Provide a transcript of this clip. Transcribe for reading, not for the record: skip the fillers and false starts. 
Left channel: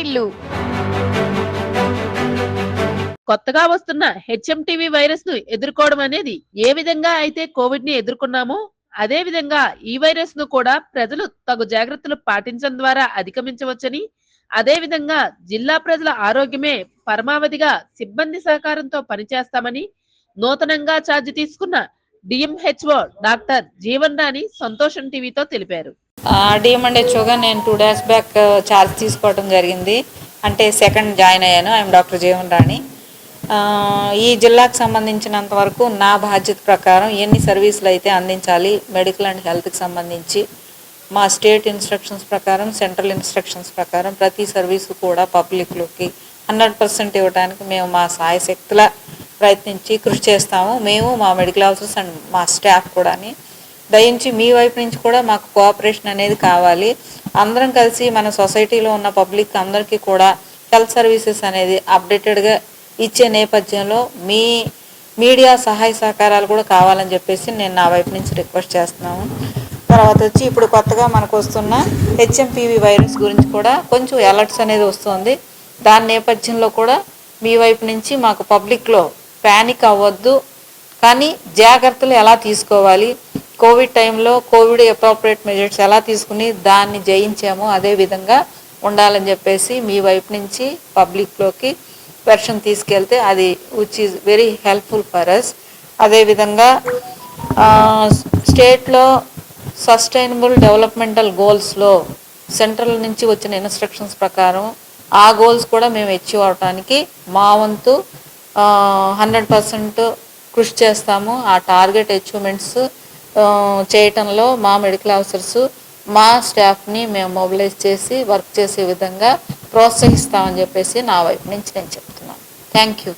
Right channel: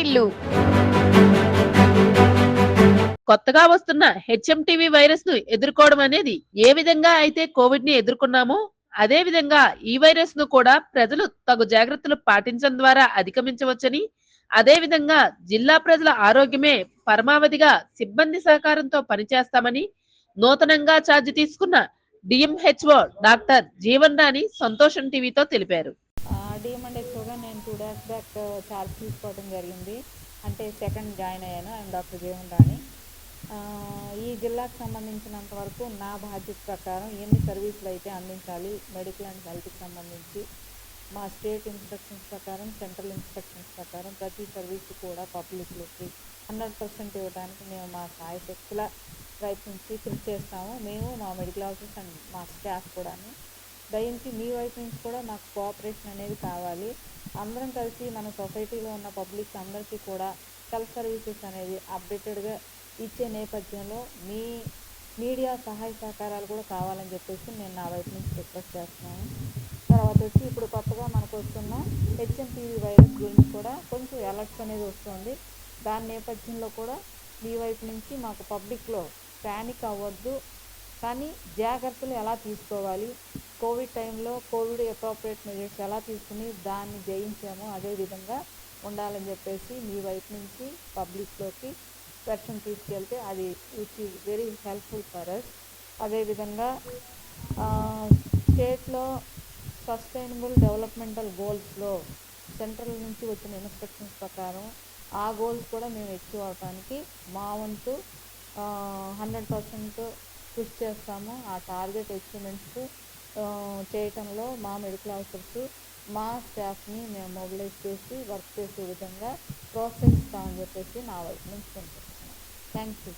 వాటిల్లు. కొత్తగా వస్తున్న HMTV virus ను ఎదుర్కోవడం అనేది ఏ విధంగా అయితే కోవిడ్ ని ఎదుర్కొన్నామో అదే విధంగా ఈ వైరస్ ను కూడా ప్రజలు తగు జాగ్రత్తలు పాటించడం ద్వారా అధిగమించవచ్చని, అదే విధంగా జిల్లా ప్రజల ఆరోగ్యమే పరమావధిగా సిబ్బంది సహకారంతో పనిచేస్తామని నూతనంగా ఛార్జ్ తీసుకున్న డిఎంహెచ్ఓ డాక్టర్ జీవన్ రాణి సంతోషం టీవీతో తెలిపారు. డిఎంఎండ్హెచ్ఓగా నేను 2 days బ్యాక్ ఛార్జ్ తీసుకోవడం జరిగింది. అంటే సెకండ్ జాయిన్ అయ్యాను. ఐఎమ్ డాక్టర్ జీవన్ రాణి. ఈ జిల్లాకు సంబంధించినంత వరకు నా బాధ్యత ప్రకారం ఎన్ని సర్వీసులు అయితే అందించాలి మెడికల్ అండ్ హెల్త్కి సంబంధించి మా స్టేట్ ఇన్స్ట్రక్షన్స్ ప్రకారం, సెంట్రల్ ఇన్స్ట్రక్షన్స్ ప్రకారం ప్రతి సర్వీసు కూడా పబ్లిక్లోకి 100% ఇవ్వడానికి మేము మా సాయశక్తుల ప్రయత్నించి కృషి చేస్తాము. మేము, మా మెడికల్ ఆఫీసర్స్ అండ్ మా స్టాఫ్ కూడా. దయించి మీ వైపు నుంచి కూడా మాకు కోఆపరేషన్ అనేది కావాలి. అందరం కలిసి మన సొసైటీలో ఉన్న పబ్లిక్ అందరికీ కూడా హెల్త్ సర్వీసెస్ అనేది అప్డేటెడ్గా ఇచ్చే నేపథ్యంలో మీ మీడియా సహాయ సహకారాలు కూడా కావాలని చెప్పేసి నేను నా వైపు నుంచి రిక్వెస్ట్ చేస్తున్నాను. తర్వాత వచ్చి ఇప్పుడు కొత్తగా మనకు వస్తున్న హెచ్ఎంపీవీ వైరస్ గురించి కూడా కొంచెం అలర్ట్స్ అనేది వస్తుంది. దాని నేపథ్యంలో కూడా మీ వైపు నుంచి మాకు పబ్లిక్లో ప్యానిక్ అవ్వద్దు, కానీ జాగ్రత్తలు ఎలా తీసుకోవాలి, కోవిడ్ టైంలో కోవిడ్ అప్రోప్రియేట్ మెజర్స్ ఎలా తీసుకుని దాన్ని జయించామో అదే విధంగా ఉండాలని చెప్పేసి మీ వైపు నుంచి పబ్లిక్లోకి వెర్షన్ తీసుకెళ్తే అది which is very helpful for us. అదేవిధంగా స్టేట్లో సస్టైనబుల్ డెవలప్మెంటల్ గోల్స్లో సెంట్రల్ నుంచి వచ్చిన ఇన్స్ట్రక్షన్స్ ప్రకారం ఆ గోల్స్ కూడా మేము అచీవ్ అవడానికి మా వంతు 100% కృషి చేస్తాము. ఆ టార్గెట్ అచీవ్మెంట్స్ చేయటంలో మా మెడికల్ ఆఫీసర్స్, మా స్టాఫ్ని మేము మొబిలైజ్ చేసి వర్క్ చేసే విధంగా ప్రోత్సహిస్తామని చెప్పేసి నా వైపు నుంచి నేను చెప్తున్నాను. Thank you.